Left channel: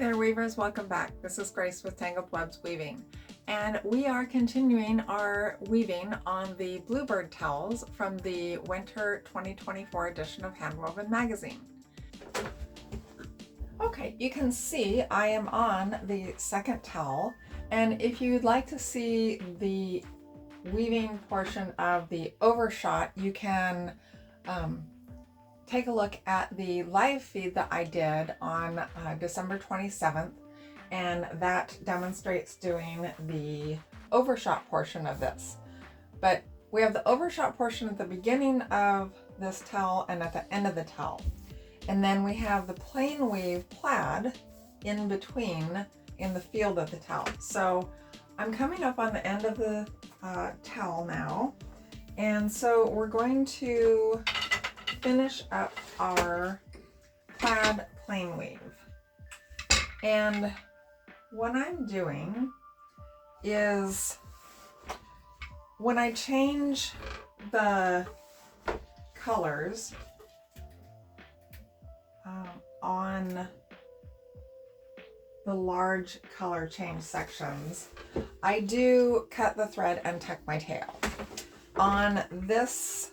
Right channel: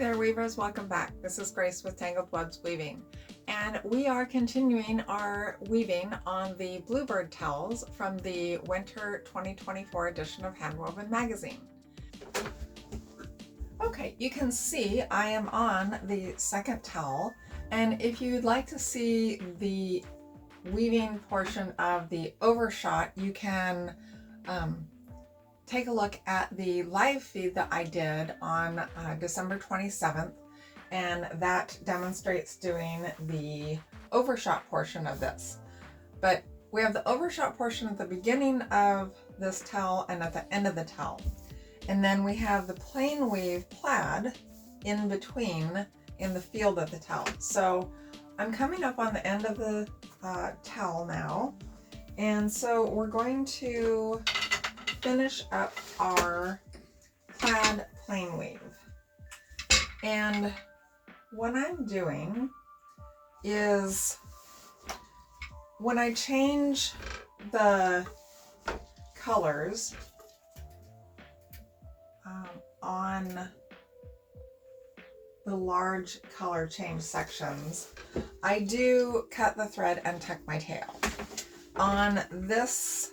there weavers, welcome back. This is Grace with Tangled Webs Weaving, and we are continuing our weaving on the Bluebird towels from the Winter 2024 edition of Handwoven magazine. Okay, you can see I am on the second towel, and if you'd like to see the weaving portion of the Overshot, you can take a look at the live feed that I did on December 27th, and that demonstrates doing the Overshot portion of this. But we have the Overshot portion at the beginning of this towel and at the end of the towel. And then we have the plain weave plaid in between in the field of the towel. So I'm coming up on the end of the towel now. And so we're going to finish up our plaid plain weave. And what I'm doing is when I change the colors on the large color change sections, I do cut the thread and tuck my tail. On this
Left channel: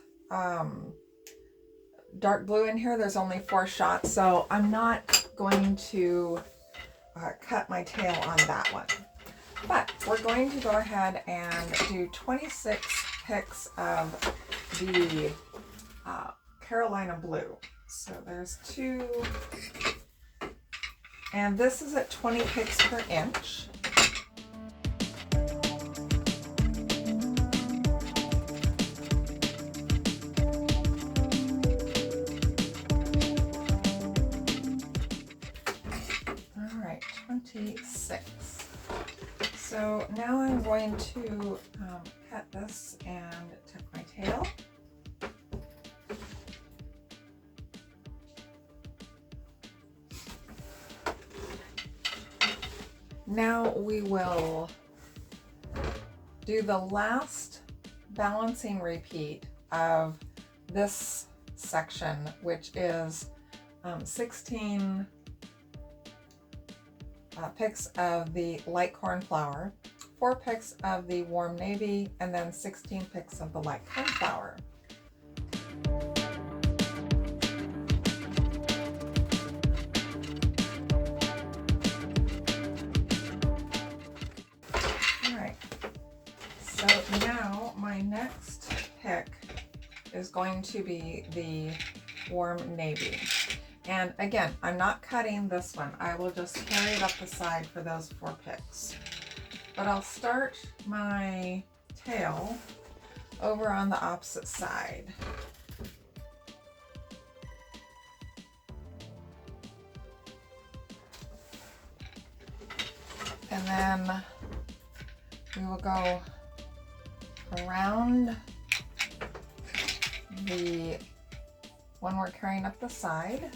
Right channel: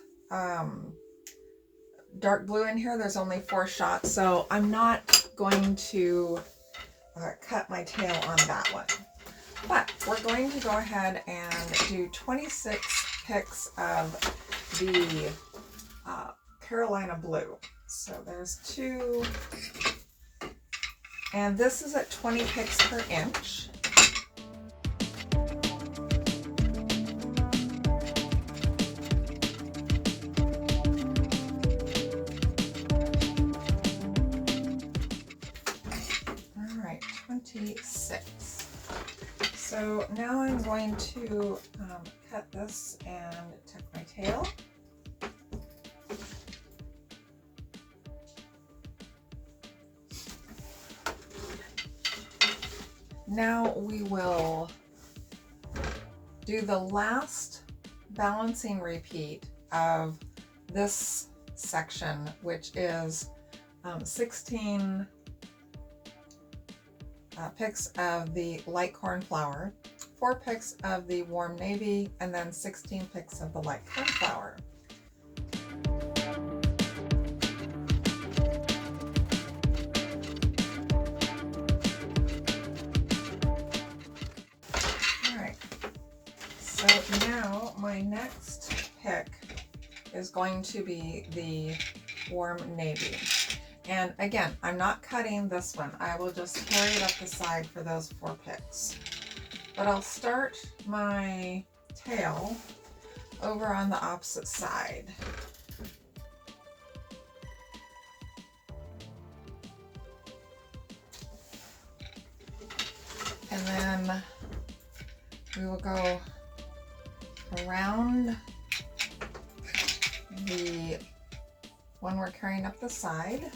dark blue in here, there's only 4 shots, so I'm not going to cut my tail on that one. But we're going to go ahead and do 26 picks of the Carolina blue. So there's 2, and this is at 20 picks per inch. All right, 26. So now I'm going to cut this and tuck my tail. Now we will do the last balancing repeat of this section, which is 16 picks of the light cornflower, 4 picks of the warm navy, and then 16 picks of the light cornflower. So now my next pick is going to be the warm navy. And again, I'm not cutting this one. I will just carry it up the side for those 4 picks. But I'll start my tail over on the opposite side. And then we will go around the one we're carrying up the side.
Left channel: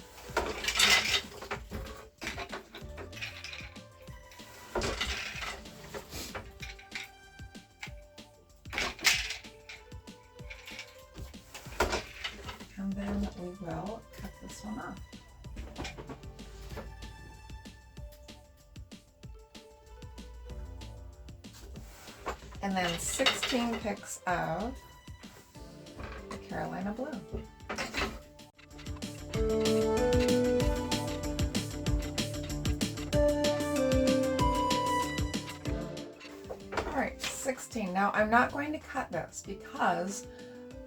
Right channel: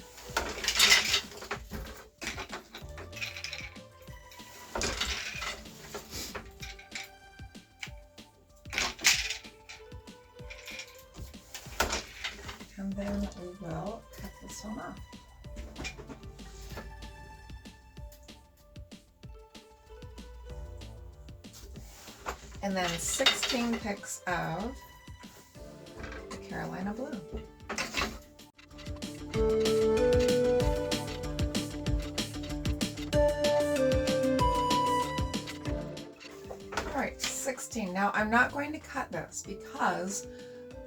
And then we will cut this one off. And then 16 picks of the Carolina blue. All right, 16. Now I'm not going to cut this because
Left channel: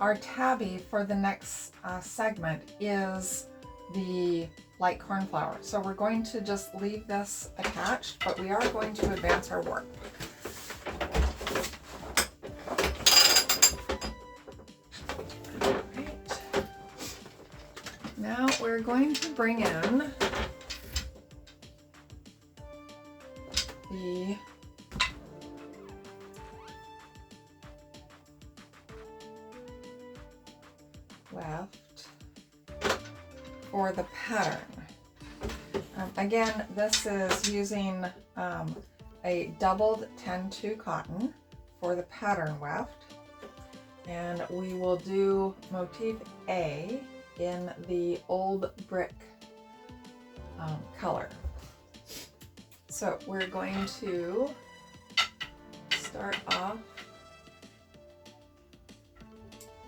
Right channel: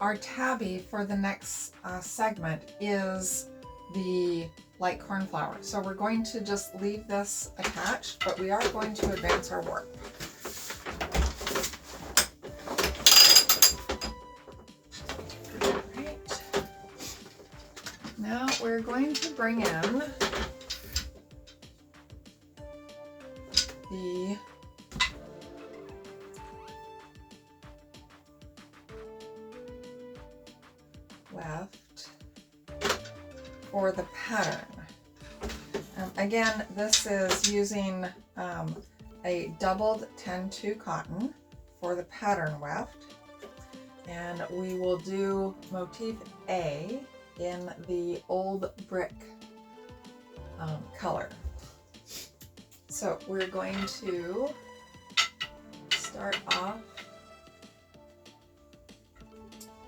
our tabby for the next segment is the light cornflower. So we're going to just leave this attached, but we are going to advance our work. Now we're going to bring in the left for the pattern. Again, this is using a doubled 10-2 cotton for the pattern weft, and we will do motif A in the old brick color. So we're going to start off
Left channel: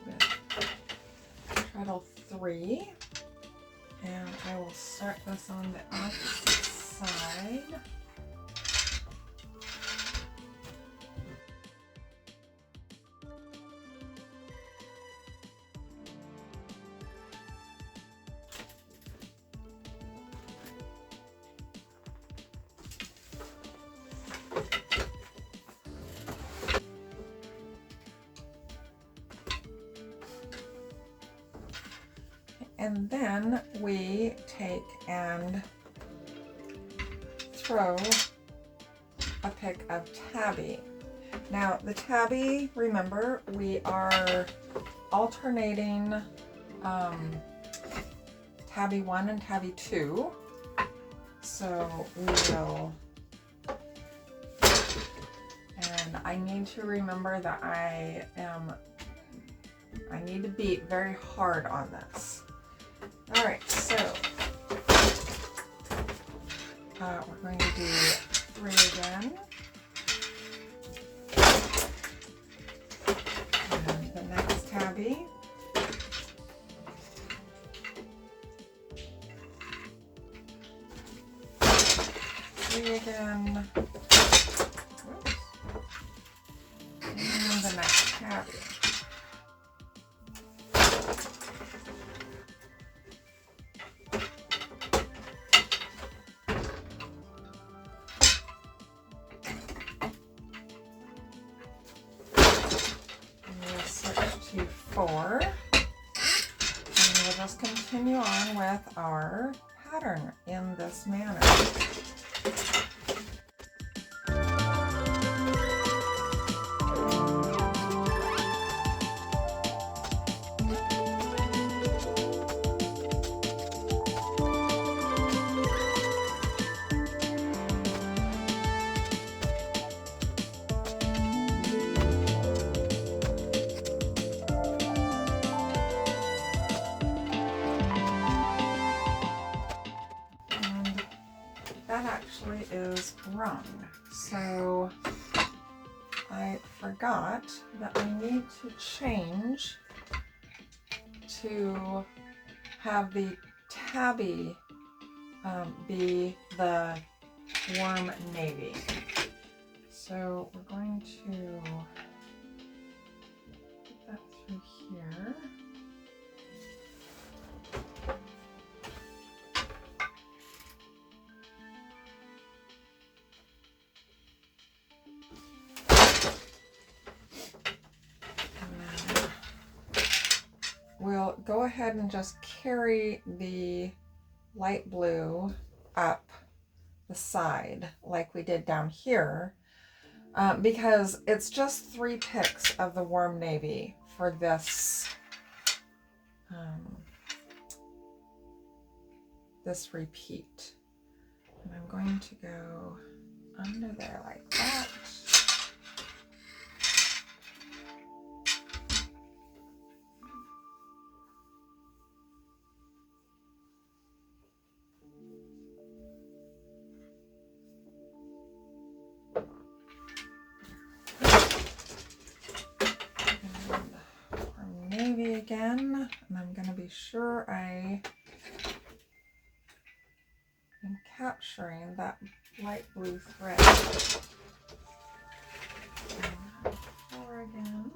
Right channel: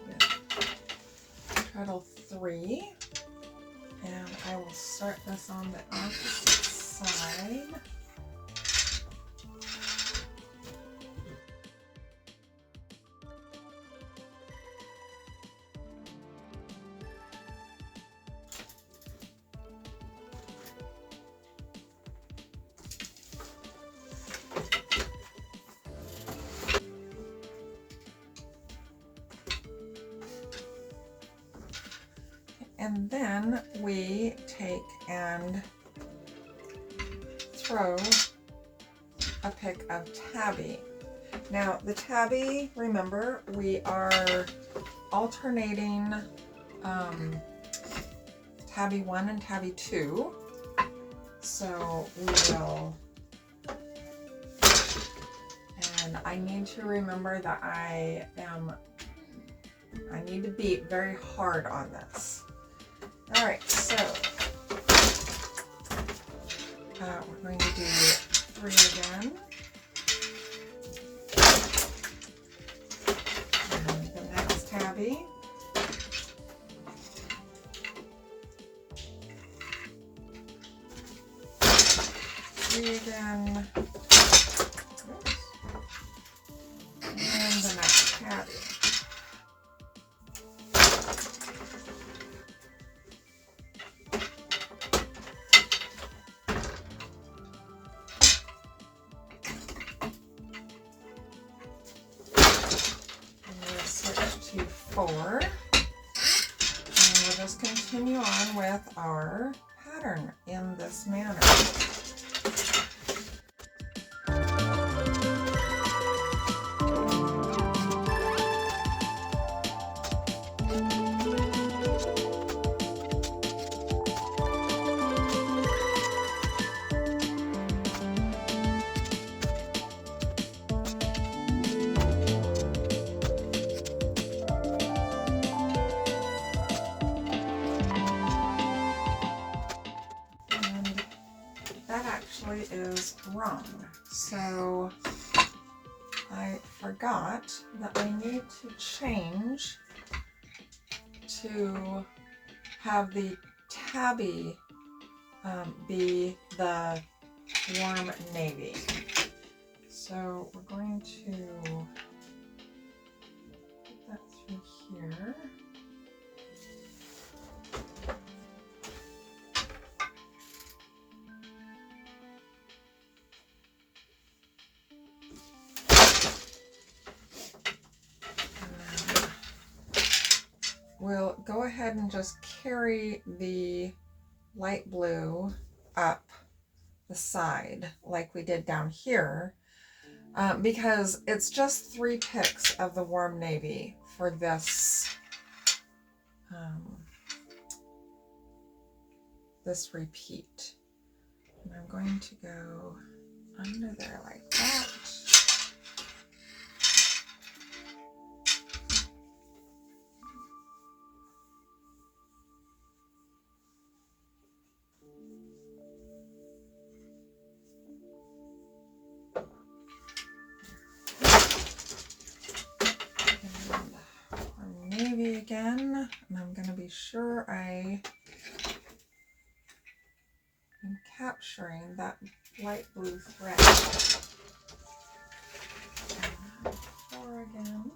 with treadle 3, and I will start this on the opposite side. And then we take and throw a pick of tabby. Now the tabby, remember, we are alternating tabby 1 and tabby 2. So we will, and I need to remember that I need to beat very hard on this. All right, so we're going to do 3 again. And the next tabby. Again. Oops. And the next tabby. We'll switch to 4. And we'll just continue on with our pattern in this manner. Is wrong. So I forgot that I need to change to have the tabby be the warm navy. So we're going to put that through here. We'll go ahead and just carry the light blue up the side like we did down here, because it's just 3 picks of the warm navy for this this repeat. And I'm going to go under there like that. Navy again, and I'm going to be sure I am capturing that light blue thread. And 4 again.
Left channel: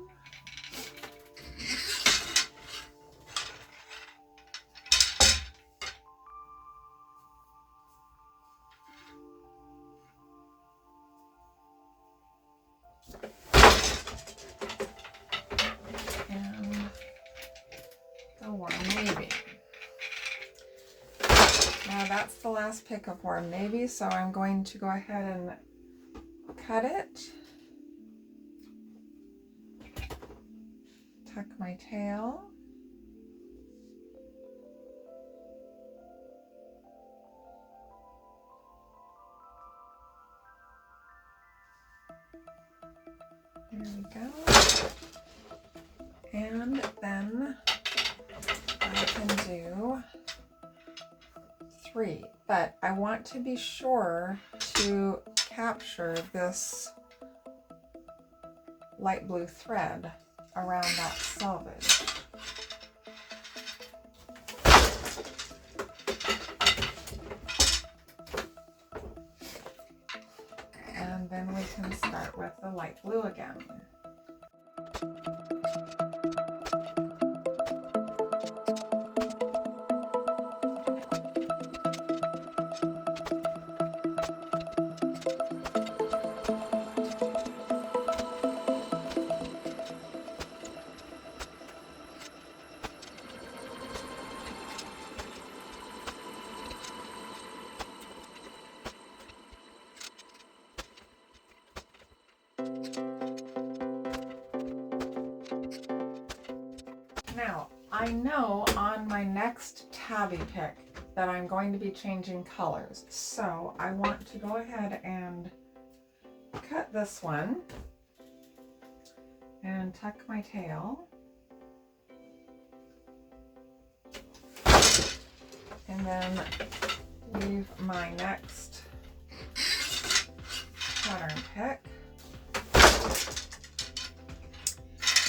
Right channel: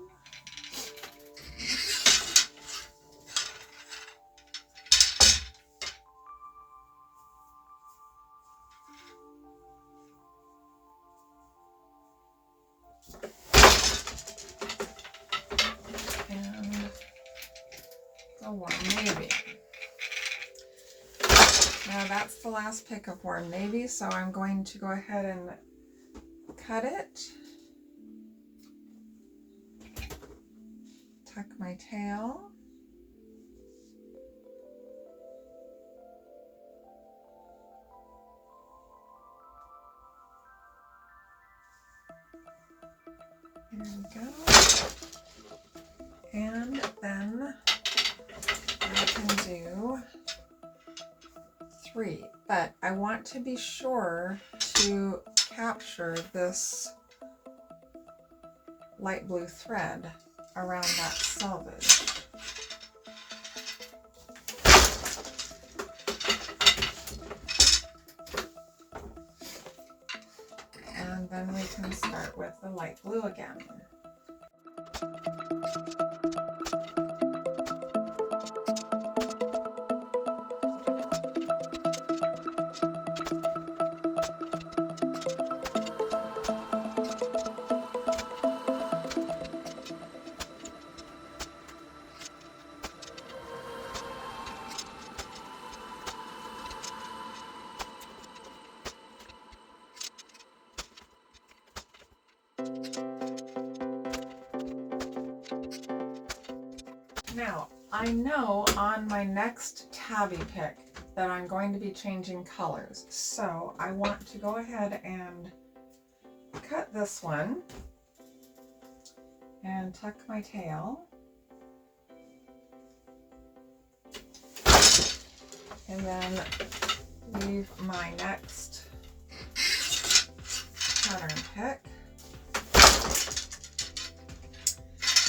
Warm navy. Now that's the last pick of warm navy, so I'm going to go ahead and cut it, tuck my tail, there we go, and then I can do 3 but I want to be sure to capture this light blue thread around that selvage. And then we can start with the light blue again. Now, I know on my next tabby pick that I'm going to be changing colors, so I want to go ahead and cut this one and tuck my tail, and then leave my next pattern pick.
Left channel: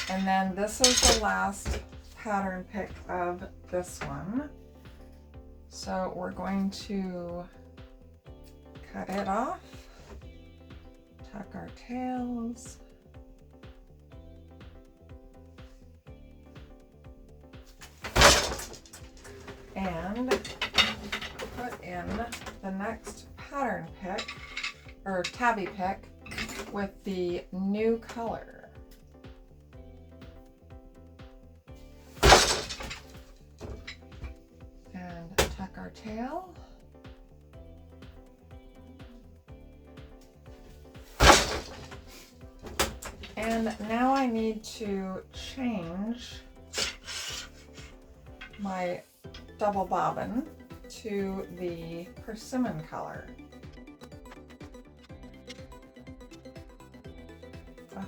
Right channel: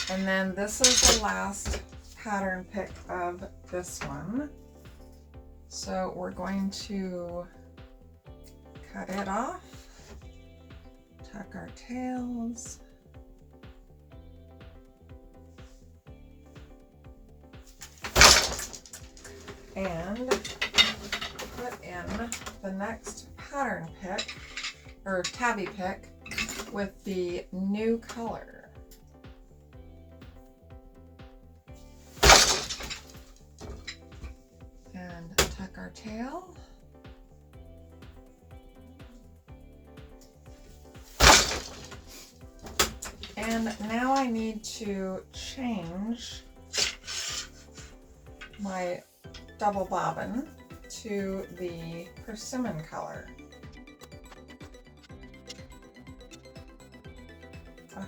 And then this is the last pattern pick of this one. So we're going to cut it off, tuck our tails, and put in the next pattern pick, or tabby pick, with the new color. Our tail, and now I need to change my double bobbin to the persimmon color. Oh,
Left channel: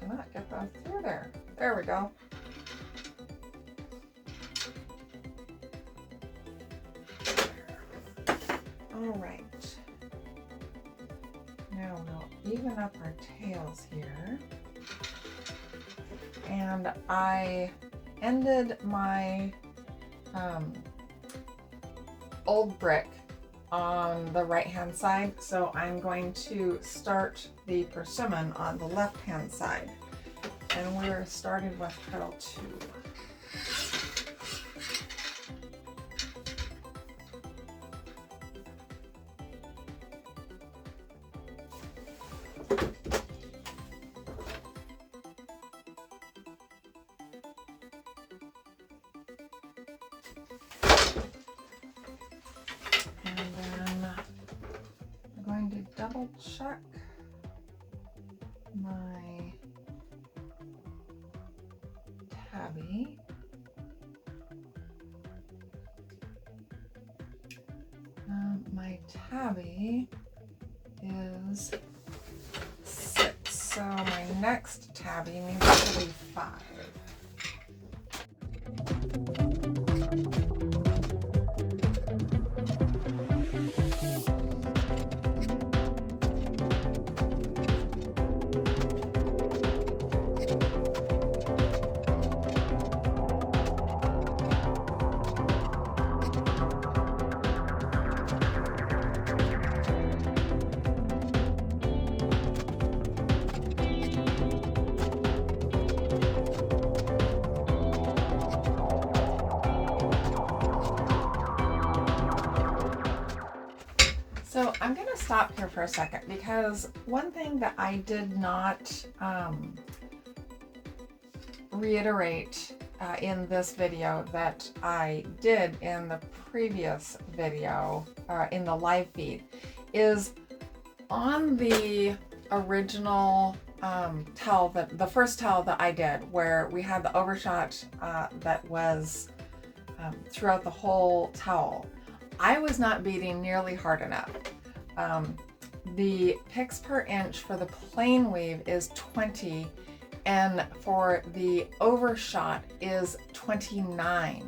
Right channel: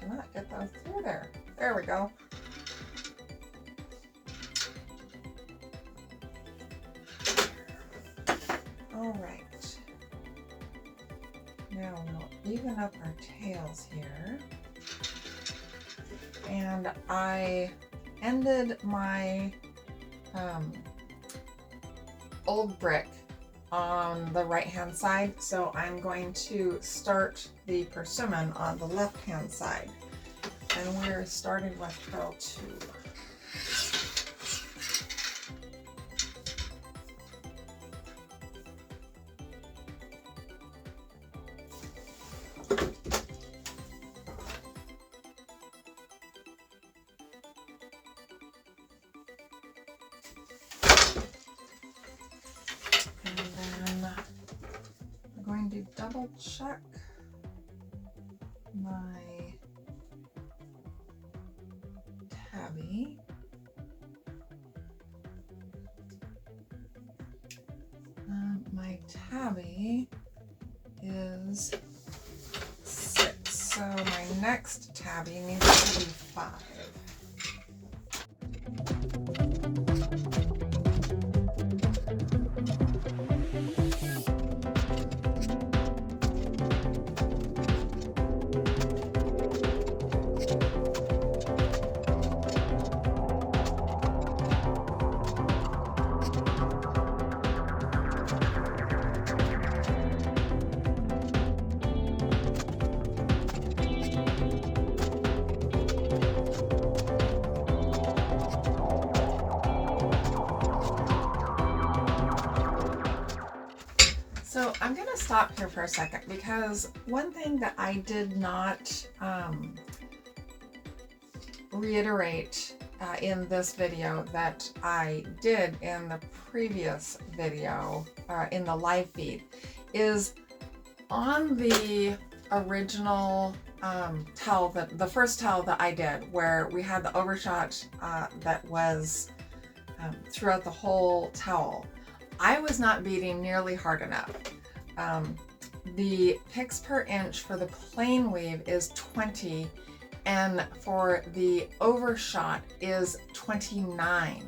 cannot get that through there. There we go. All right, now we'll even up our tails here. And I ended my old brick on the right-hand side, so I'm going to start the persimmon on the left-hand side. And we're starting with petal 2. Double check my tabby. My tabby is 6, so my next tabby needs to be 5. So I'm going to stop here for a second, because one thing that I did not reiterate in this video that I did in the previous video, in the live feed, is on the original towel, the first towel that I did, where we had the overshot that was throughout the whole towel, I was not beating nearly hard enough. The picks per inch for the plain weave is 20, and for the overshot is 29.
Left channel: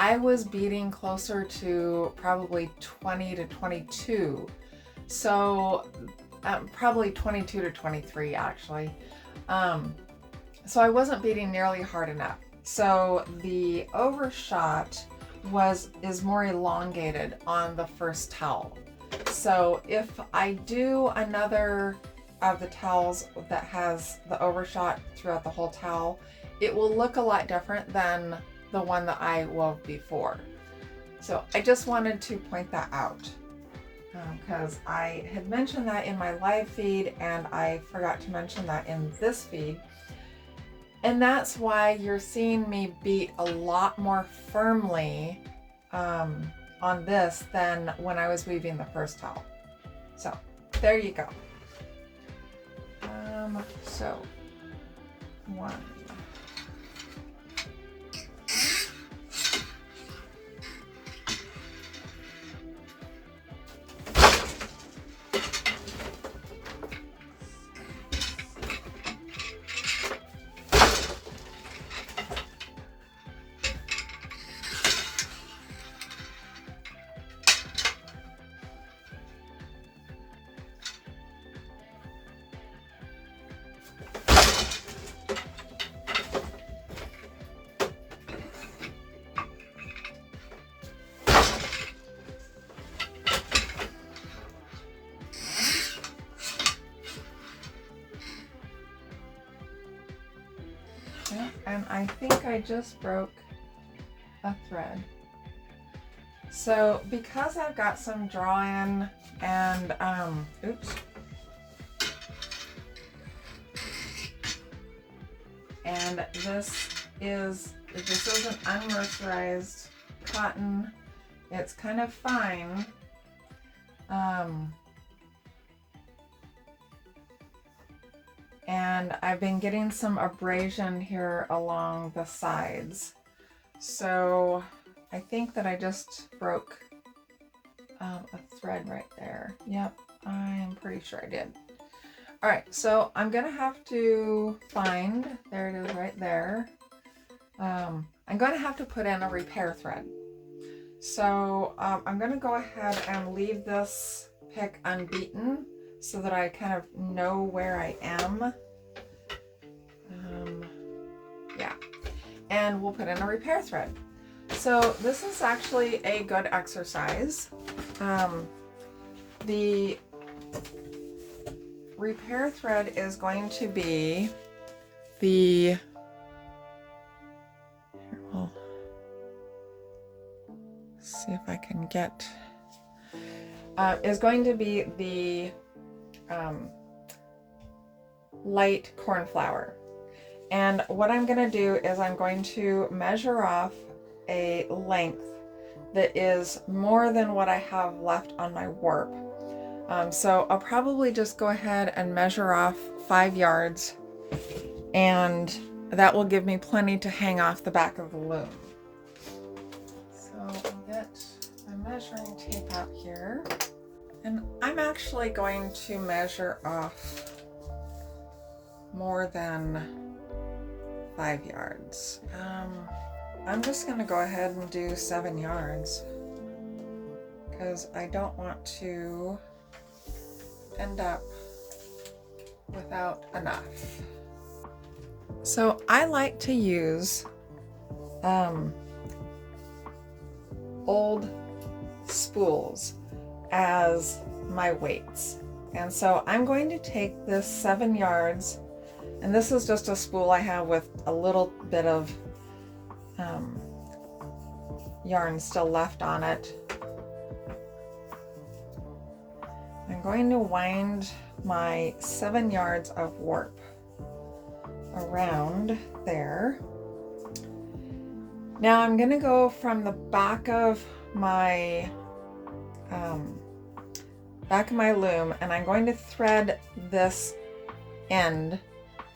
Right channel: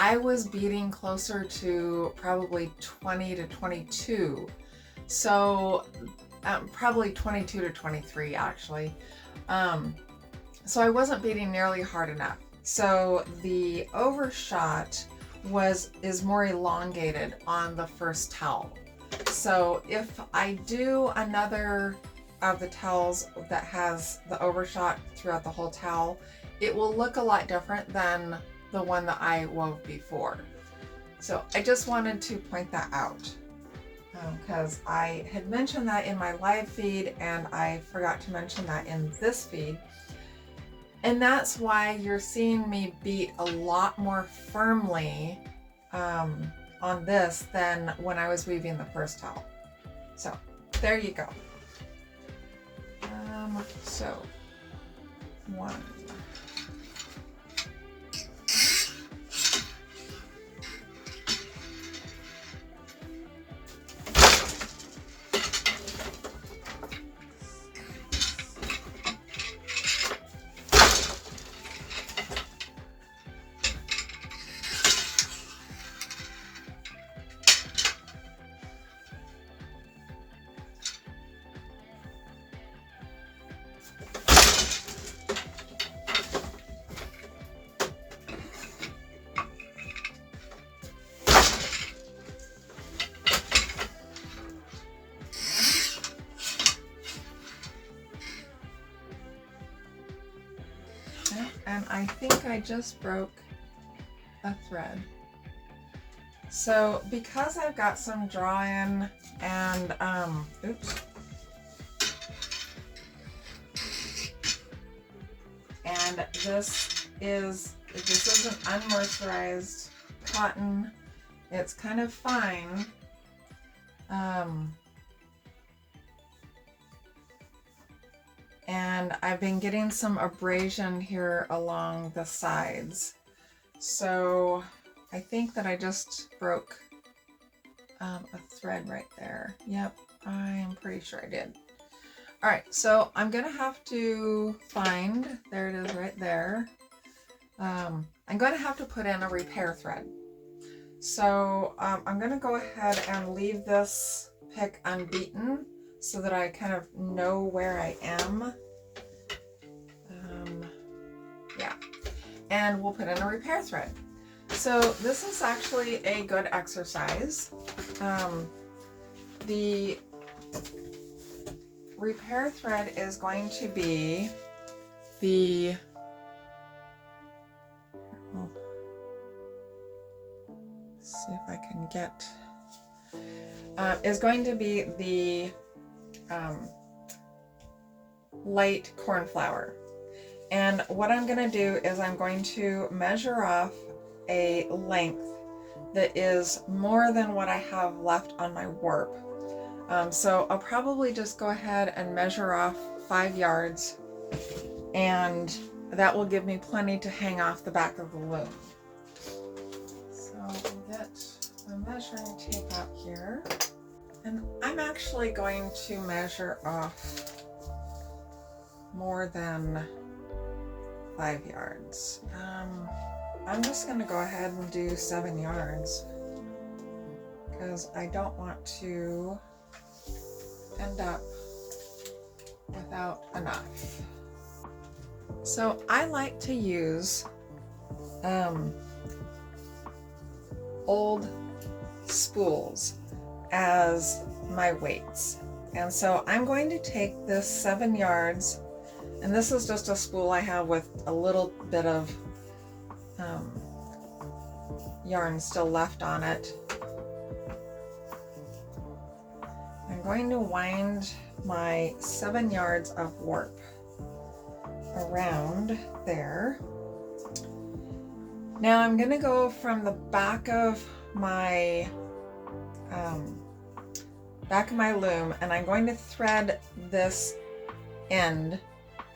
I was beating closer to probably 20 to 22. So probably 22 to 23 actually. So I wasn't beating nearly hard enough. So the overshot is more elongated on the first towel. So if I do another of the towels that has the overshot throughout the whole towel, it will look a lot different than the one that I wove before. So I just wanted to point that out because I had mentioned that in my live feed and I forgot to mention that in this feed. And that's why you're seeing me beat a lot more firmly on this than when I was weaving the first towel. So there you go. So 1. And I think I just broke a thread. So because I've got some draw-in and oops, and this is an unmercerized cotton. It's kind of fine. And I've been getting some abrasion here along the sides. So I think that I just broke a thread right there. Yep, I'm pretty sure I did. All right, so I'm gonna have to find, there it is right there. I'm gonna have to put in a repair thread. So I'm gonna go ahead and leave this pick unbeaten so that I kind of know where I am. Yeah, and we'll put in a repair thread. So this is actually a good exercise. The repair thread is going to be the, well, see if I can get, is going to be the light cornflower. And what I'm going to do is I'm going to measure off a length that is more than what I have left on my warp. So I'll probably just go ahead and measure off 5 yards, and that will give me plenty to hang off the back of the loom. So I'll get my measuring tape out here, and I'm actually going to measure off more than 5 yards. I'm just going to go ahead and do 7 yards because I don't want to end up without enough. So I like to use old spools as my weights. And so I'm going to take this 7 yards, and this is just a spool I have with a little bit of yarn still left on it. I'm going to wind my 7 yards of warp around there. Now I'm going to go from the back of my loom, and I'm going to thread this end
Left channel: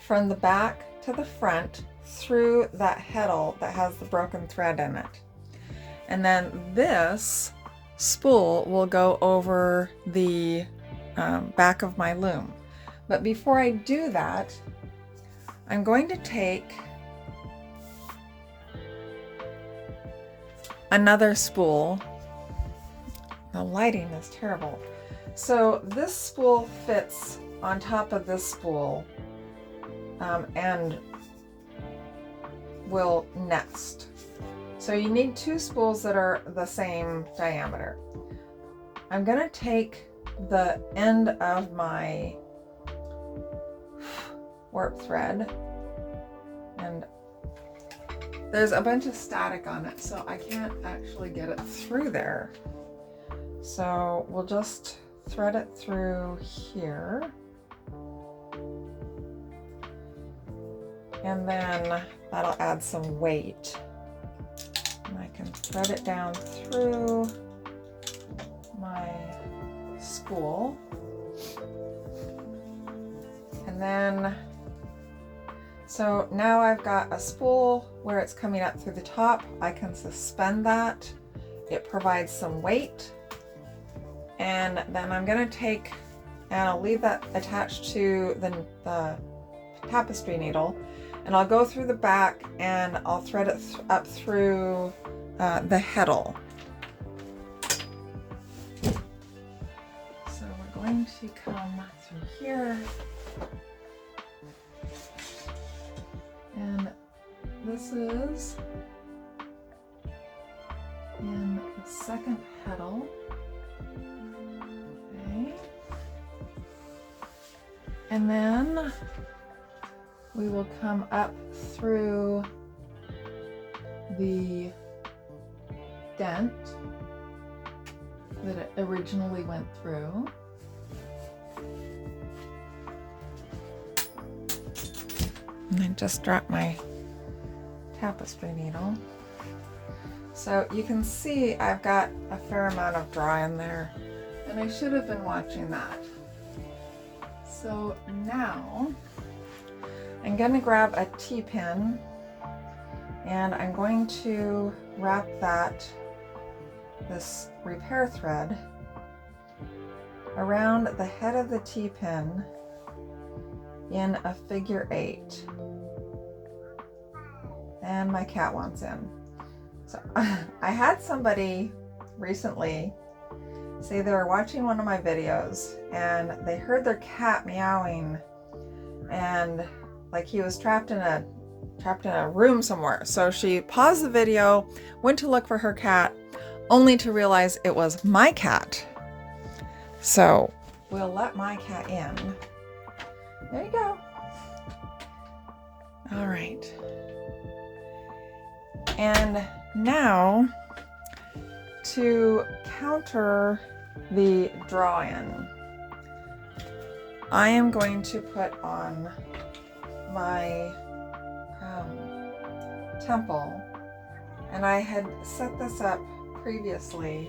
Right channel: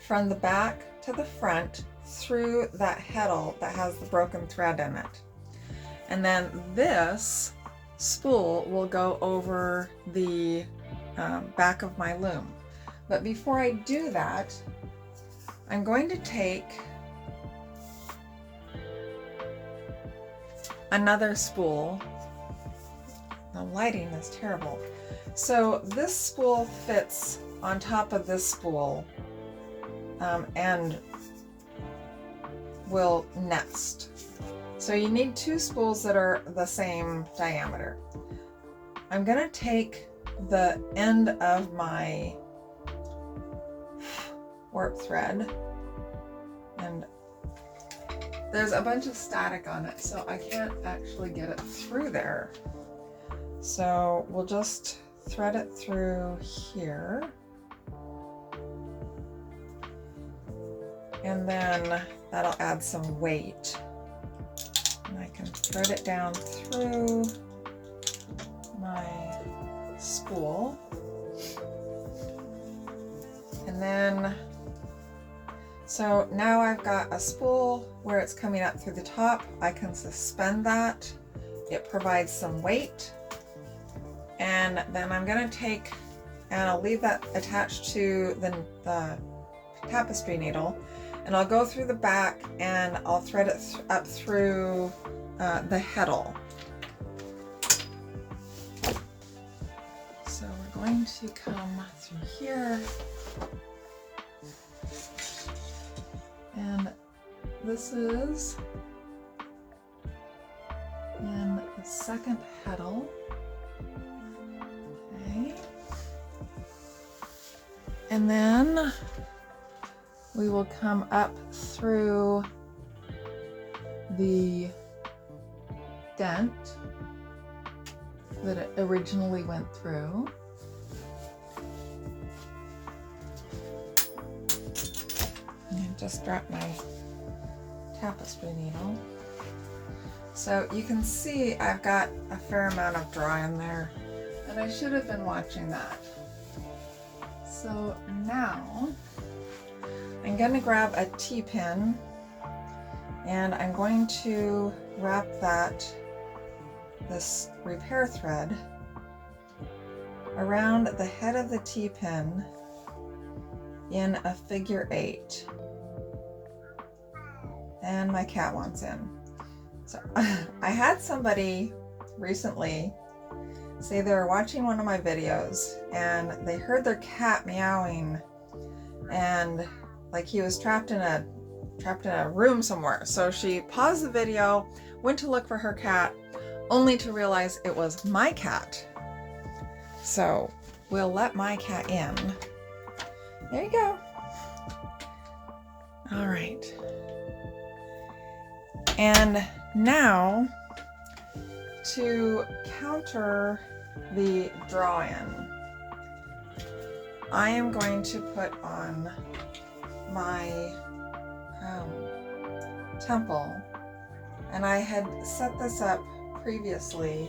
from the back to the front through that heddle that has the broken thread in it. And then this spool will go over the back of my loom. But before I do that, I'm going to take another spool. The lighting is terrible. So this spool fits on top of this spool and will nest. So you need two spools that are the same diameter. I'm gonna take the end of my warp thread, and there's a bunch of static on it, so I can't actually get it through there. So we'll just thread it through here. And then that'll add some weight. And I can thread it down through my spool. And then, so now I've got a spool where it's coming up through the top. I can suspend that. It provides some weight. And then I'm gonna take, and I'll leave that attached to the tapestry needle, and I'll go through the back and I'll thread it up through the heddle. So we're going to come through here, and this is in the second heddle. Okay. And then we will come up through the dent that it originally went through. And I just dropped my tapestry needle. So you can see I've got a fair amount of draw in there, and I should have been watching that. So now I'm going to grab a T-pin, and I'm going to wrap this repair thread around the head of the T-pin in a figure 8. And my cat wants in. So I had somebody recently say they were watching one of my videos and they heard their cat meowing, and like he was trapped in a room somewhere. So she paused the video, went to look for her cat, only to realize it was my cat. So we'll let my cat in. There you go. All right. And now to counter the draw-in, I am going to put on my temple, and I had set this up previously,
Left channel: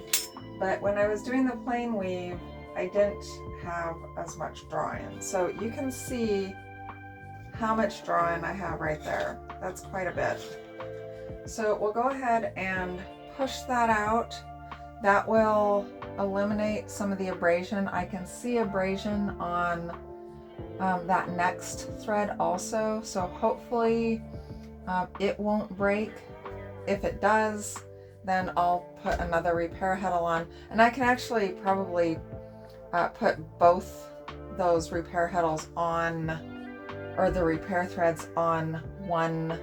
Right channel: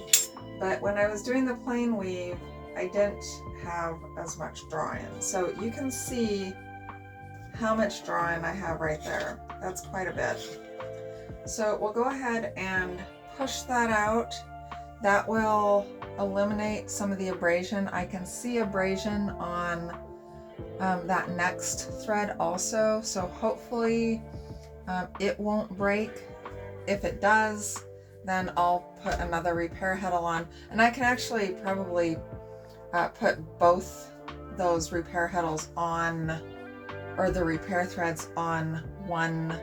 but when I was doing the plain weave I didn't have as much draw-in. So you can see how much draw-in I have right there. That's quite a bit. So we'll go ahead and push that out. That will eliminate some of the abrasion. I can see abrasion on that next thread also, so hopefully it won't break. If it does, then I'll put another repair heddle on, and I can actually probably put both those repair heddles on, or the repair threads on one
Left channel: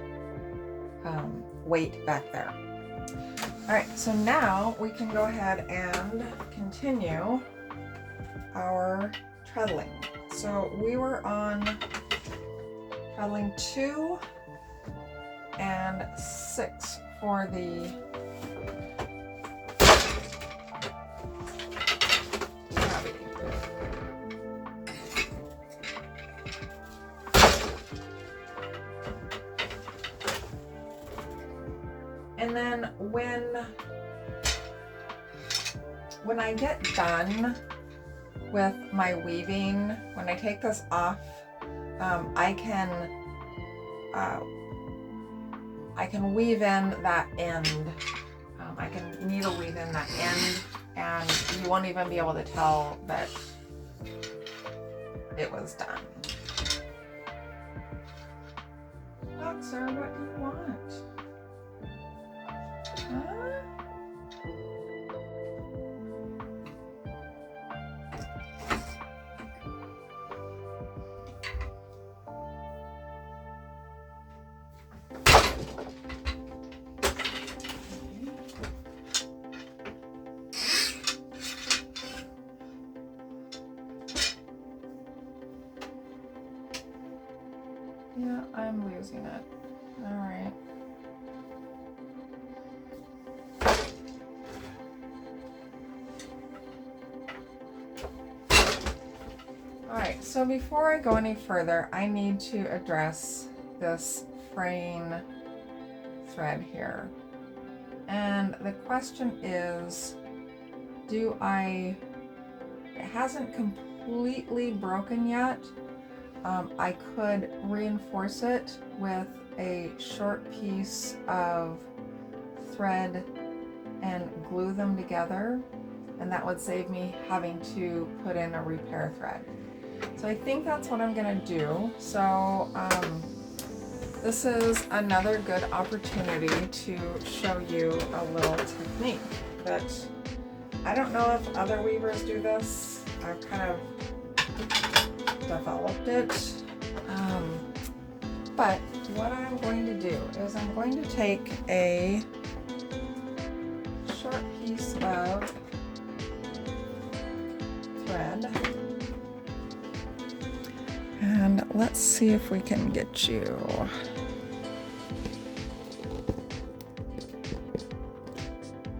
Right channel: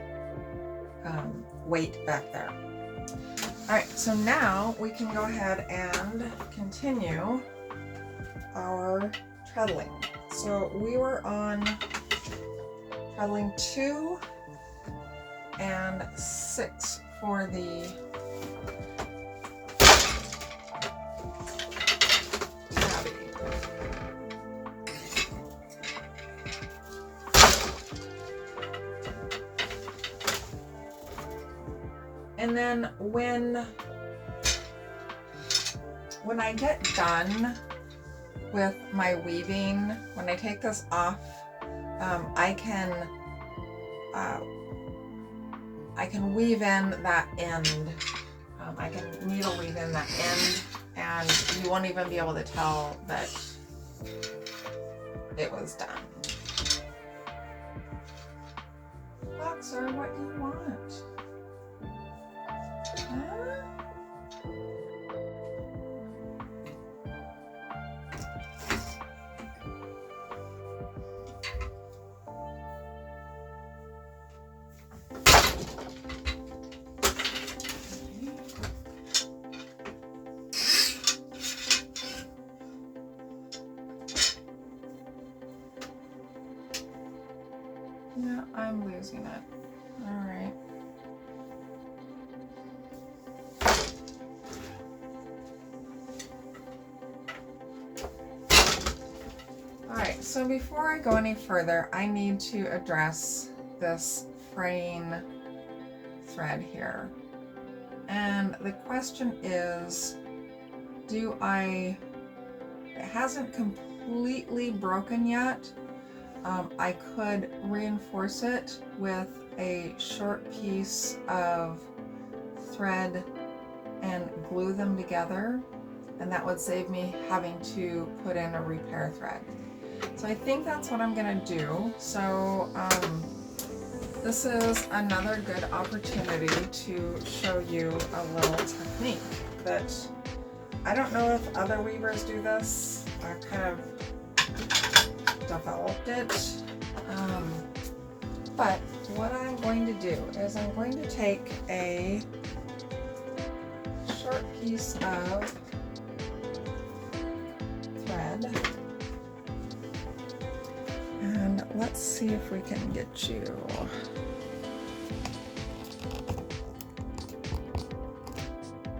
weight back there. All right, so now we can go ahead and continue our treadling. So we were on treadling 2 and 6 for the tabby. And then when I get done with my weaving, when I take this off, I can weave in that end. I can needle weave in that end, and you won't even be able to tell that it was done. Boxer, what do you want? Huh? I'm losing it. All right. All right, so before I go any further, I need to address this fraying thread here. And the question is, it hasn't completely broken yet. I could reinforce it with a short piece of thread and glue them together, and that would save me having to put in a repair thread. So I think that's what I'm gonna do. So this is another good opportunity to show you a little technique that I don't know if other weavers do this. I've kind of developed it. But what I'm going to do is I'm going to take a short piece of thread, and let's see if we can get you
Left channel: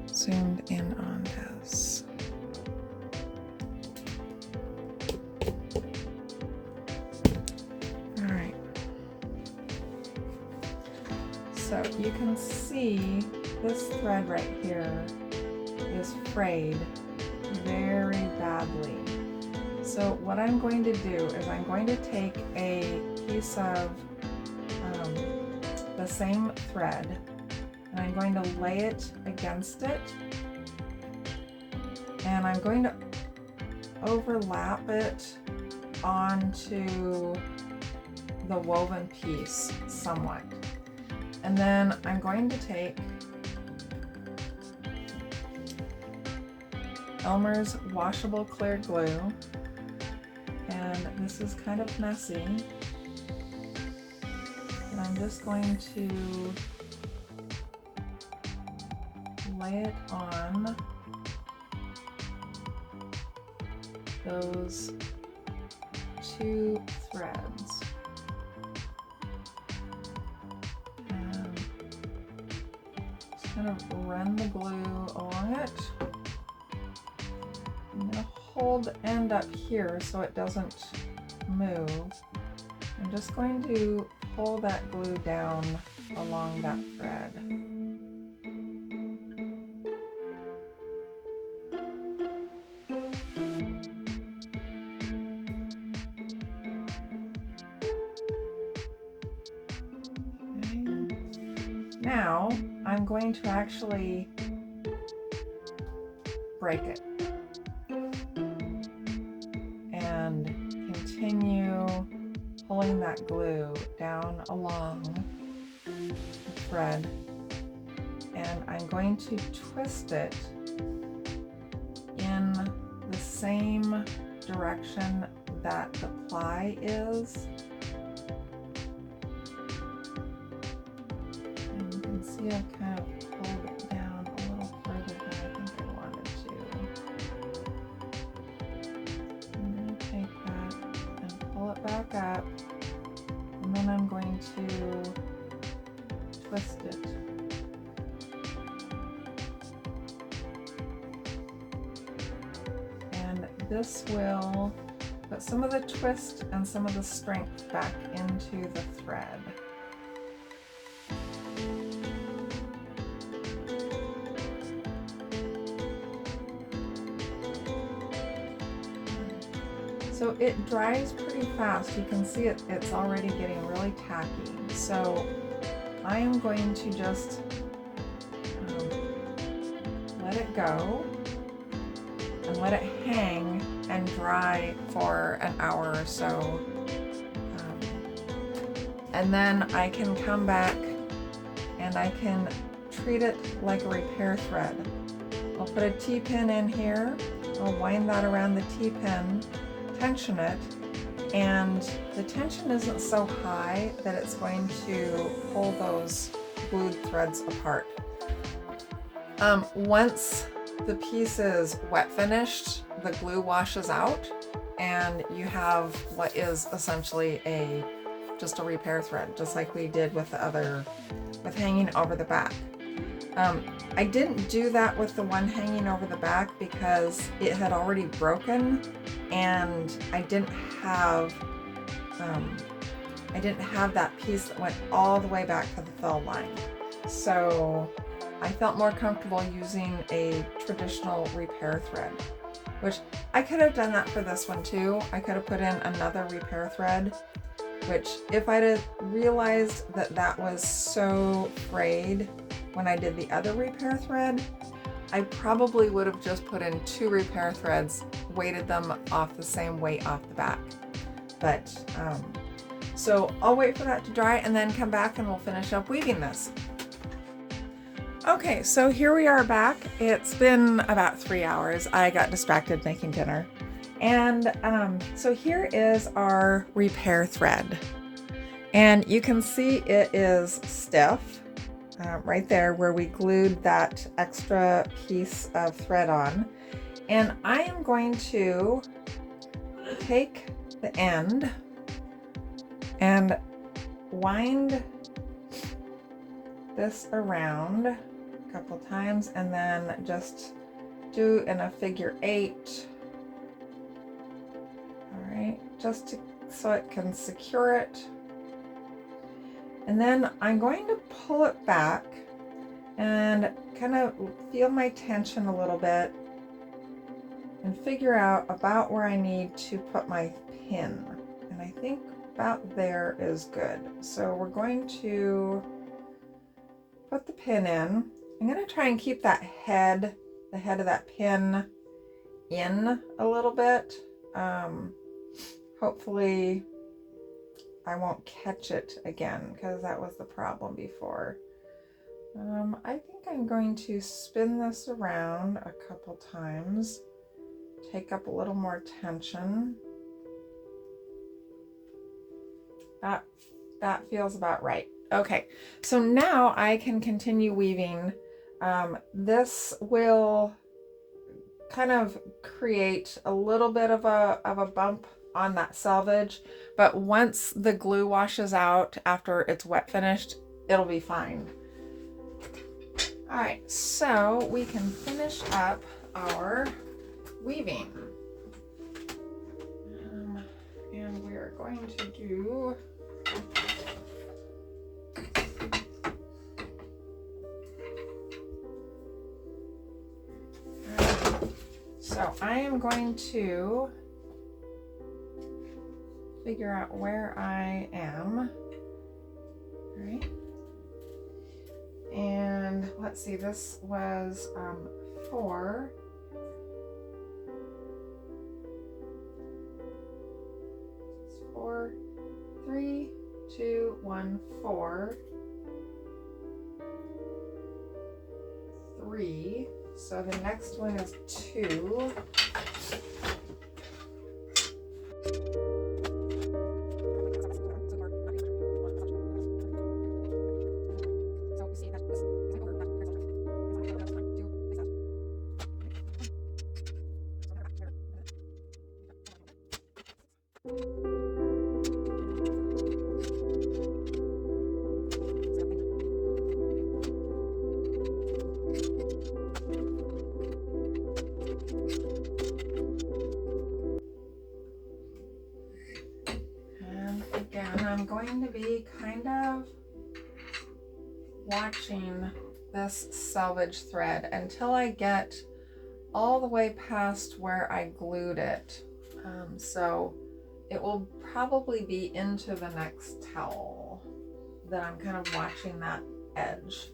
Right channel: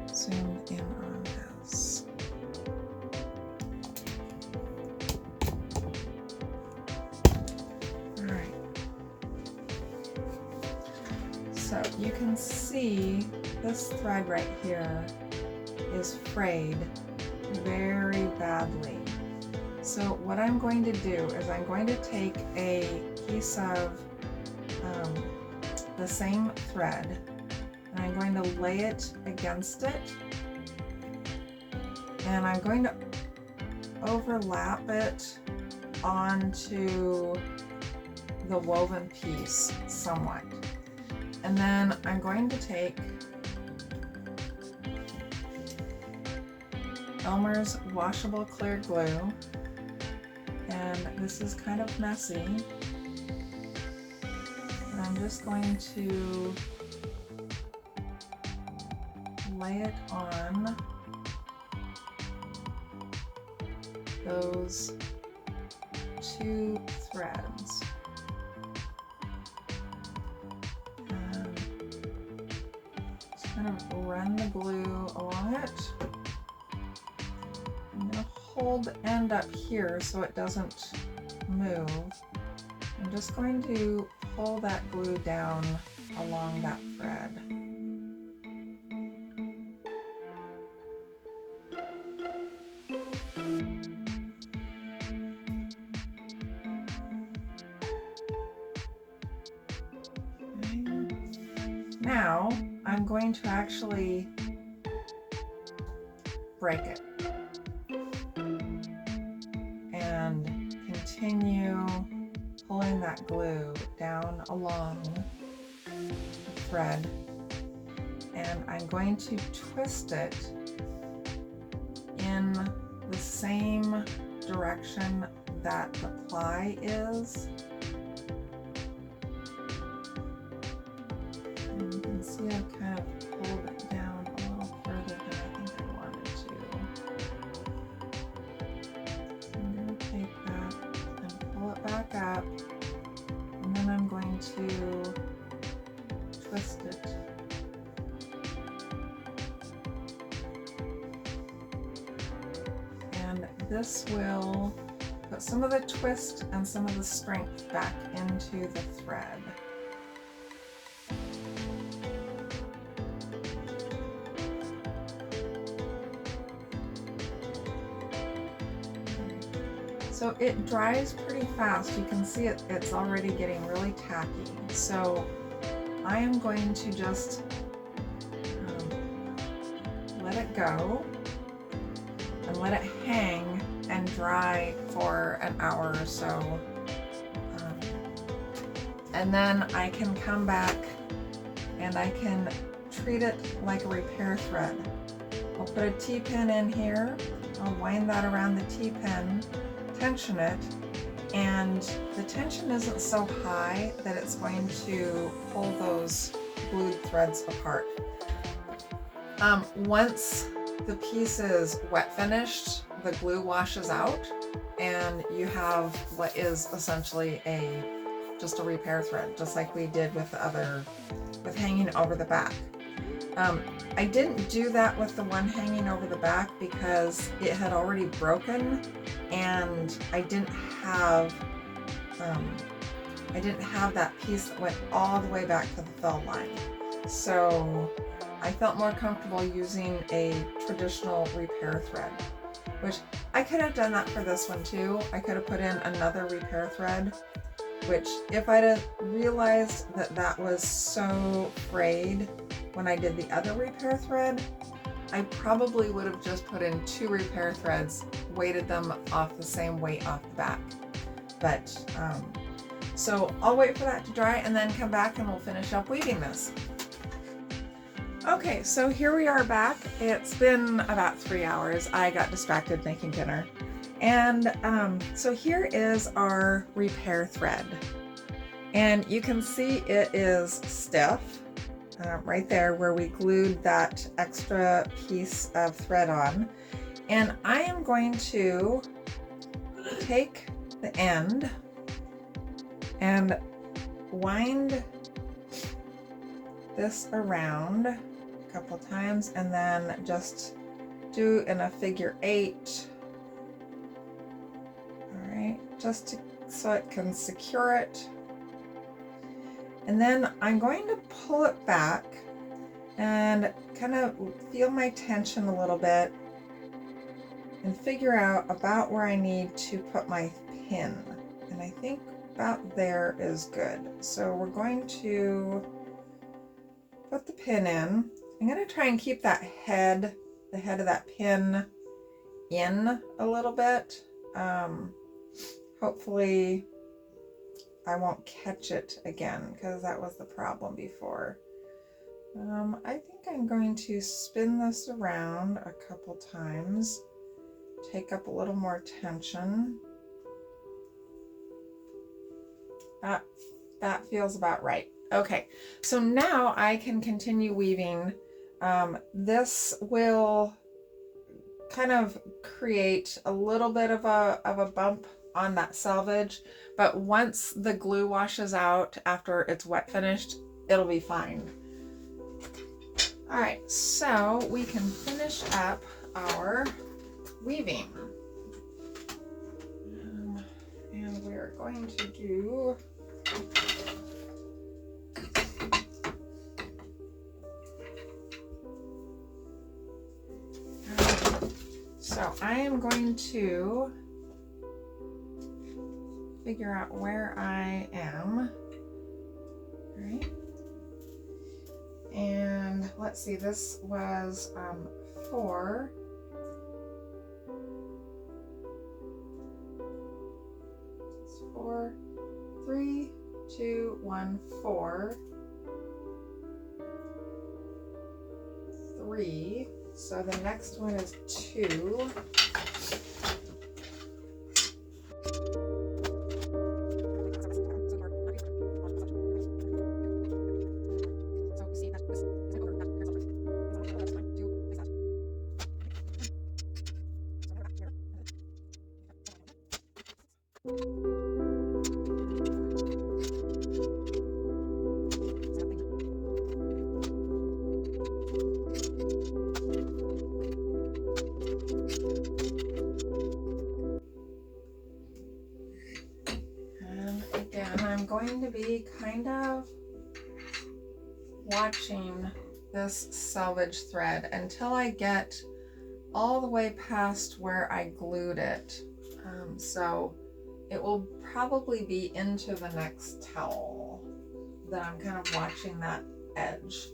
zoomed in on this. All right. So you can see this thread right here is frayed very badly. So what I'm going to do is I'm going to take a piece of the same thread, and I'm going to lay it against it, and I'm going to overlap it onto the woven piece somewhat. And then I'm going to take Elmer's washable clear glue, and this is kind of messy, and I'm just going to lay it on those two threads. And just kind of run the glue along it. I'm going to hold the end up here so it doesn't move. I'm just going to pull that glue down along that thread. Now I'm going to actually break it and continue pulling that glue down along the thread, and I'm going to twist it in the same direction that the ply is. And you can see I kind of pulled it down a little further than I think I wanted to. I'm going to take that and pull it back up, and then I'm going to twist it. And this will put some of the twist and some of the strength back into the thread. So it dries pretty fast. You can see it's already getting really tacky. So I am going to just let it go and let it hang and dry for an hour or so. And then I can come back and I can treat it like a repair thread. I'll put a T-pin in here. I'll wind that around the T-pin, tension it, and the tension isn't so high that it's going to pull those glued threads apart. Once the piece is wet finished, the glue washes out and you have what is essentially a just a repair thread, just like we did with the other, with hanging over the back. I didn't do that with the one hanging over the back because it had already broken, and I didn't have that piece that went all the way back to the fill line. So I felt more comfortable using a traditional repair thread, which I could have done that for this one too. I could have put in another repair thread, which if I'd have realized that that was so frayed when I did the other repair thread, I probably would have just put in 2 repair threads, weighted them off the same weight off the back. But so I'll wait for that to dry and then come back and we'll finish up weaving this. Okay, so here we are back. It's been about 3 hours. I got distracted making dinner. And so here is our repair thread. And you can see it is stiff right there where we glued that extra piece of thread on. And I am going to take the end and wind this around a couple times and then just do in a figure 8. All right, just so it can secure it. And then I'm going to pull it back and kind of feel my tension a little bit and figure out about where I need to put my pin. And I think about there is good. So we're going to put the pin in. I'm going to try and keep that head, the head of that pin in a little bit. Hopefully I won't catch it again because that was the problem before. I think I'm going to spin this around a couple times, take up a little more tension. That feels about right. Okay, so now I can continue weaving. This will kind of create a little bit of a bump on that selvage, but once the glue washes out after it's wet finished, it'll be fine. All right, so we can finish up our weaving. And we're going to do so I am going to figure out where I am. All right. And let's see, this was 4. It's 4, 3, 2, 1, 4, 3. So the next one is 2. I'm going to be kind of watching this selvage thread until I get all the way past where I glued it. So it will probably be into the next towel that I'm kind of watching that edge.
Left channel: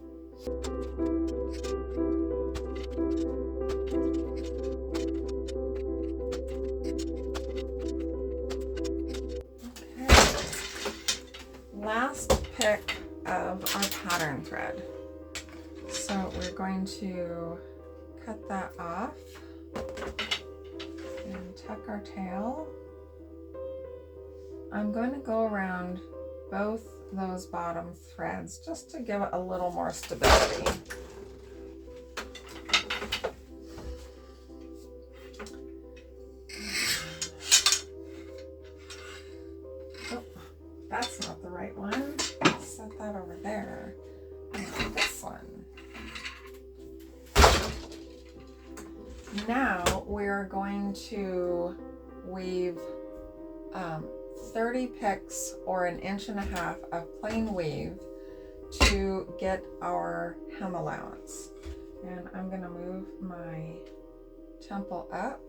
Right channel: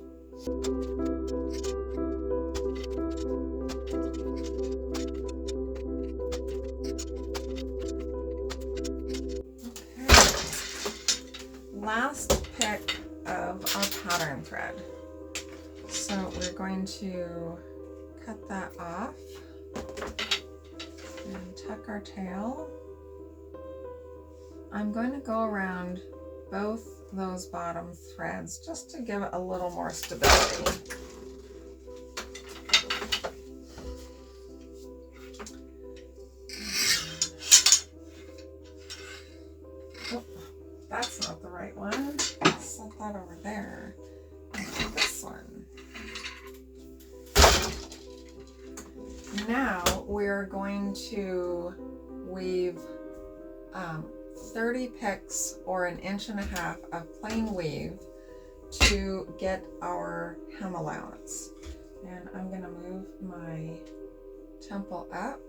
Last pick of our pattern thread. So we're going to cut that off and tuck our tail. I'm going to go around both those bottom threads just to give it a little more stability. Oh, that's not the right one. Set that over there. And this one. Now we're going to weave 30 picks or 1.5 inches of plain weave to get our hem allowance. And I'm going to move my temple up.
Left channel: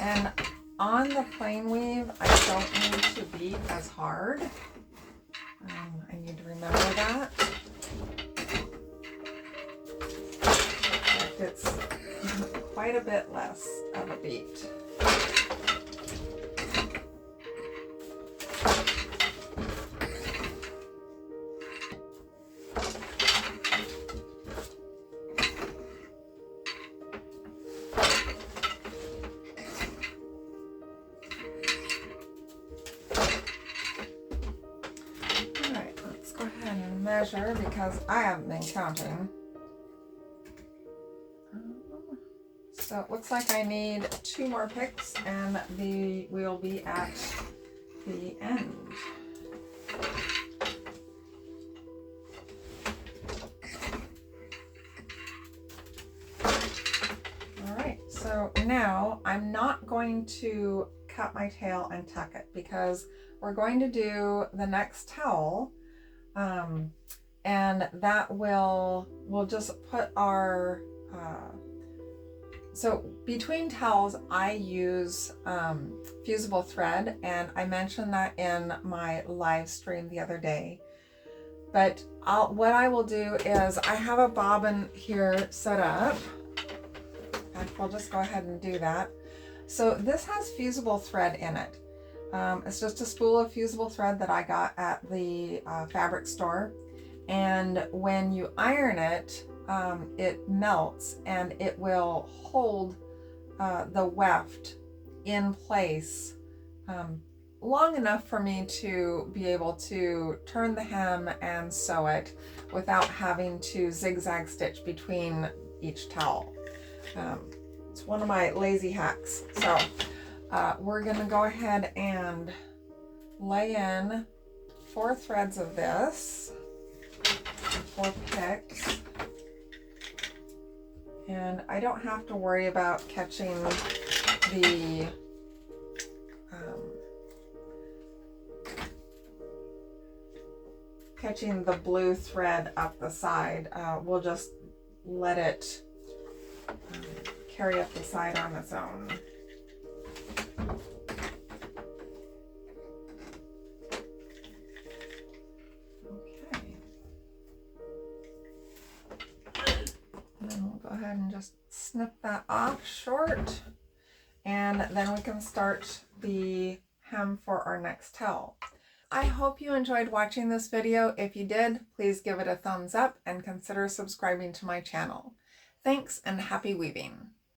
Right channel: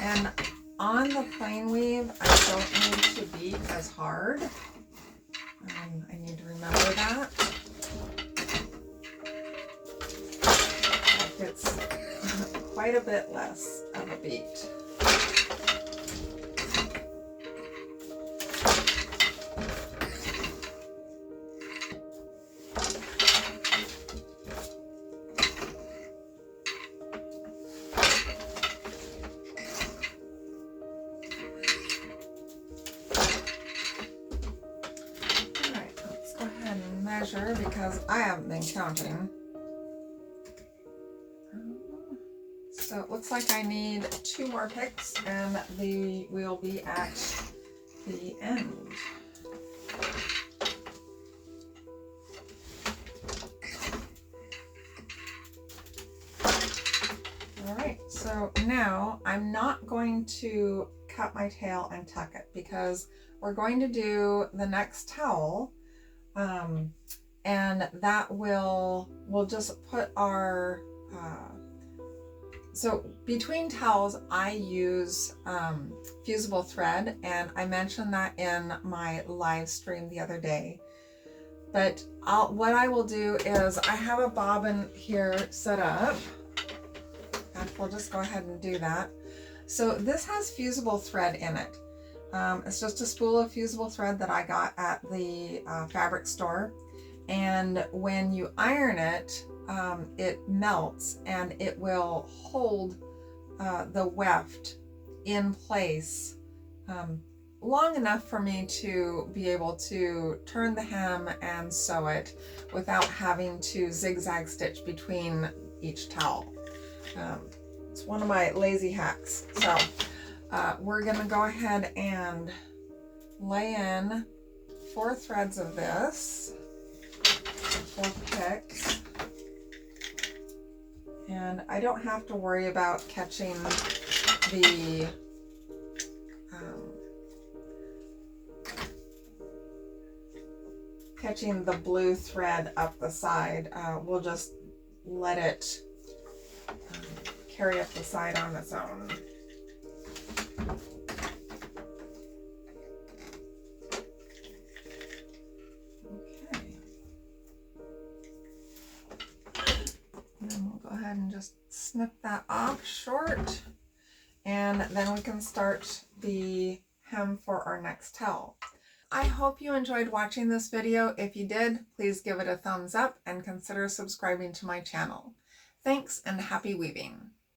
And on the plain weave, I don't need to beat as hard. I need to remember that. It's quite a bit less of a beat. Measure because I haven't been counting. So it looks like I need 2 more picks and we'll be at the end. All right, so now I'm not going to cut my tail and tuck it because we're going to do the next towel. And that we'll just put our, so between towels I use fusible thread, and I mentioned that in my live stream the other day. But what I will do is I have a bobbin here set up, and we'll just go ahead and do that. So this has fusible thread in it. It's just a spool of fusible thread that I got at the fabric store. And when you iron it, it melts and it will hold the weft in place long enough for me to be able to turn the hem and sew it without having to zigzag stitch between each towel. It's one of my lazy hacks. So we're gonna go ahead and lay in 4 threads of this, 4 picks, and I don't have to worry about catching the blue thread up the side. We'll just let it carry up the side on its own. And just snip that off short, and then we can start the hem for our next towel. I hope you enjoyed watching this video. If you did, please give it a thumbs up and consider subscribing to my channel. Thanks and happy weaving.